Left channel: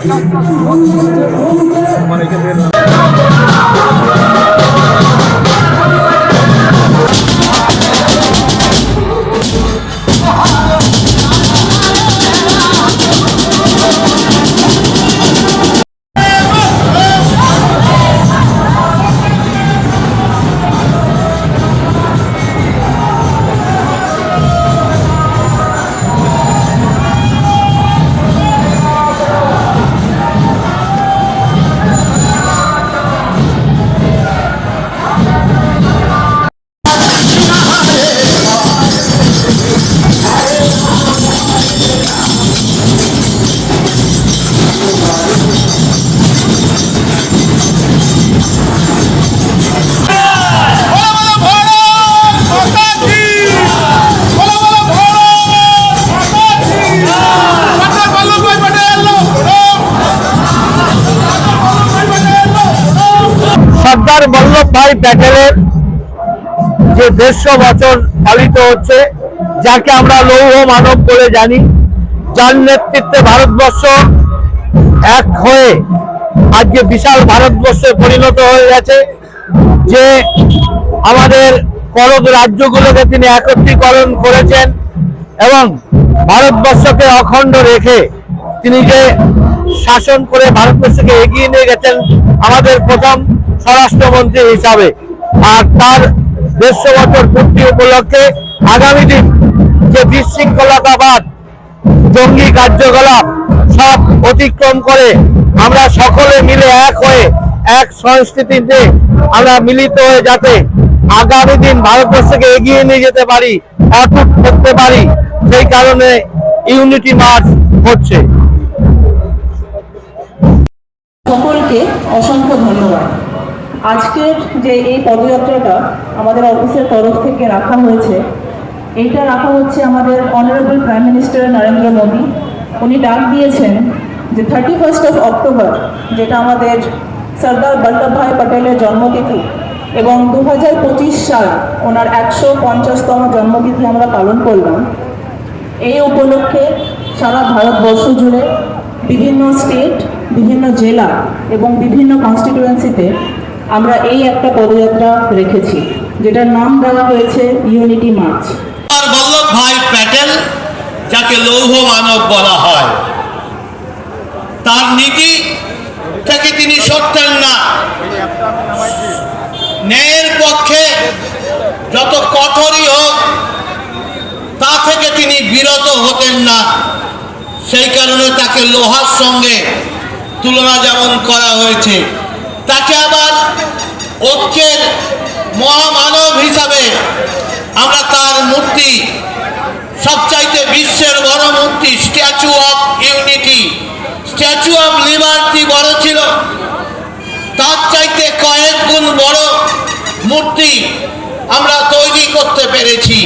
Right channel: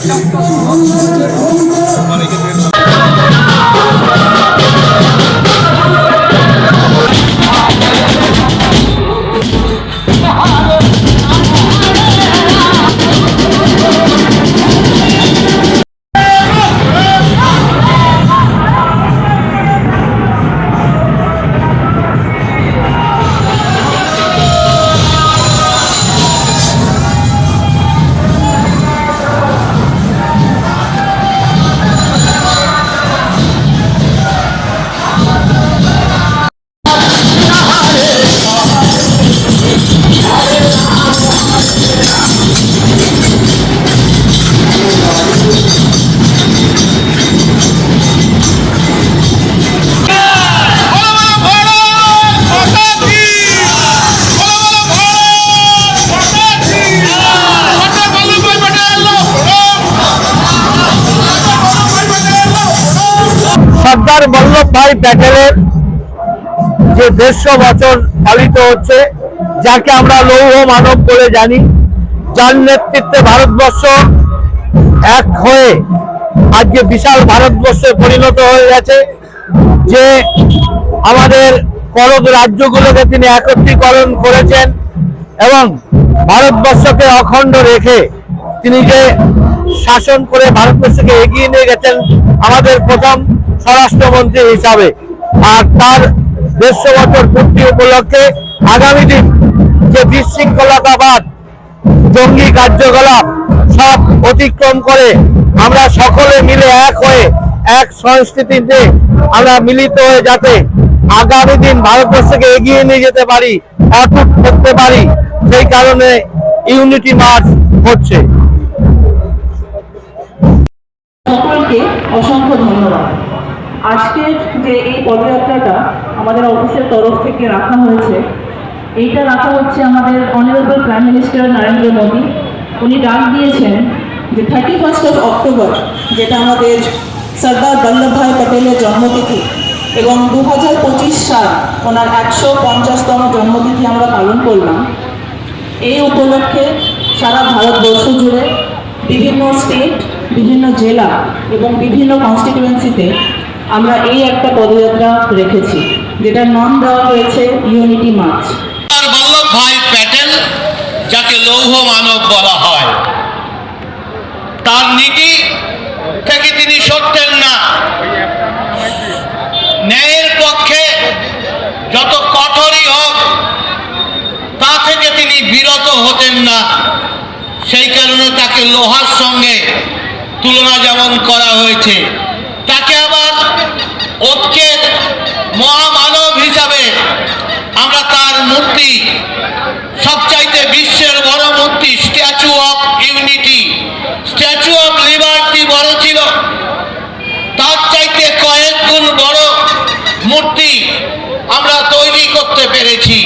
Thank you. সর্দার বল্লভ ভাই প্যাটেলের যে দেড়শো বছর পালিত হচ্ছে, যাকে আমরা লৌহ মানব বলে জানি, যার নেতৃত্বে ভারতবর্ষ এক হয়ে আজকে বিশাল ভারতবর্ষে পরিণত হয়ে গেছে, যে আমাদের করদ রাজ্যগুলোকে তিনি একত্রীকরণ করেছেন এবং ভারতবর্ষকে অখণ্ড রেখে তিনি যে শাসন করে ভারতবর্ষকে এগিয়ে নিয়ে গেছেন আমাদের প্রথম স্বরাষ্ট্রমন্ত্রী হিসাবে। আর তার দেড়শো বছর পূর্তি উপলক্ষে আগামী দিন যে বিশৃঙ্খলতাবাদ, জঙ্গি কার্যকলাপ সব অতিক্রম করে আমরা সকলে মিলে এক হয়ে এক সংস্কৃতিতে আমরা মিলিত হয়ে যাতে আগামী দিন ভারতবর্ষকে এগিয়ে নিয়ে যেতে পারি অটুট করতে পারি, সেই কারণে ইউনিটি মার্চ হচ্ছে। অসংখ্য ধন্যবাদ। আজকের যে এই পদযাত্রাটা আমাদের অফিসের তরফ থেকে রাখা হয়েছে, এইটা রাখা হচ্ছে আমাদের honourable prime minister Narendra Modi. উনি ডাক দিয়েছেন যে থার্টি ফার্স্ট অফ অক্টোবর যেটা আমাদের সর্দার বল্লভভাই পটেলের জন্মতিথি, এবং দু হাজার পঁচিশ সাল ওনার একশো পঞ্চাশতম জন্মতিথি আমরা পালন করলাম। এই উপলক্ষে সারা ভারতবর্ষ জুড়ে বিভিন্ন স্টেট বিভিন্ন জেলা এবং বিভিন্ন কনস্টিটিউয়েন্সিতে আমরা এই একটা পদযাত্রা রেখেছি, যেটার নাম দেওয়া হয়েছে ইউনিটি মার্চ বল্লভ ভাই প্যাটেল, যাকে লৌহ মানব বলা হয়, তার নীতি থেকে তিনি সরতেন না। ন্যায়ের পক্ষে যত কঠোরই হোক, তা থেকে তিনি বিরত হতেন না। সেই কারণে তাকে লোহার সঙ্গে তুলনা যেমন করা হয়েছে, তাকে আবার ঐক্যের মহামানব হিসাবে আমরা তার মূর্তি, সবচাইতে বিশ্বের বড় মূর্তি statue of unity statue of liberty বড় ছিল। তার চাইতে কয়েক গুণ বড় মূর্তি আমরা তৈরি করতে পেরেছি।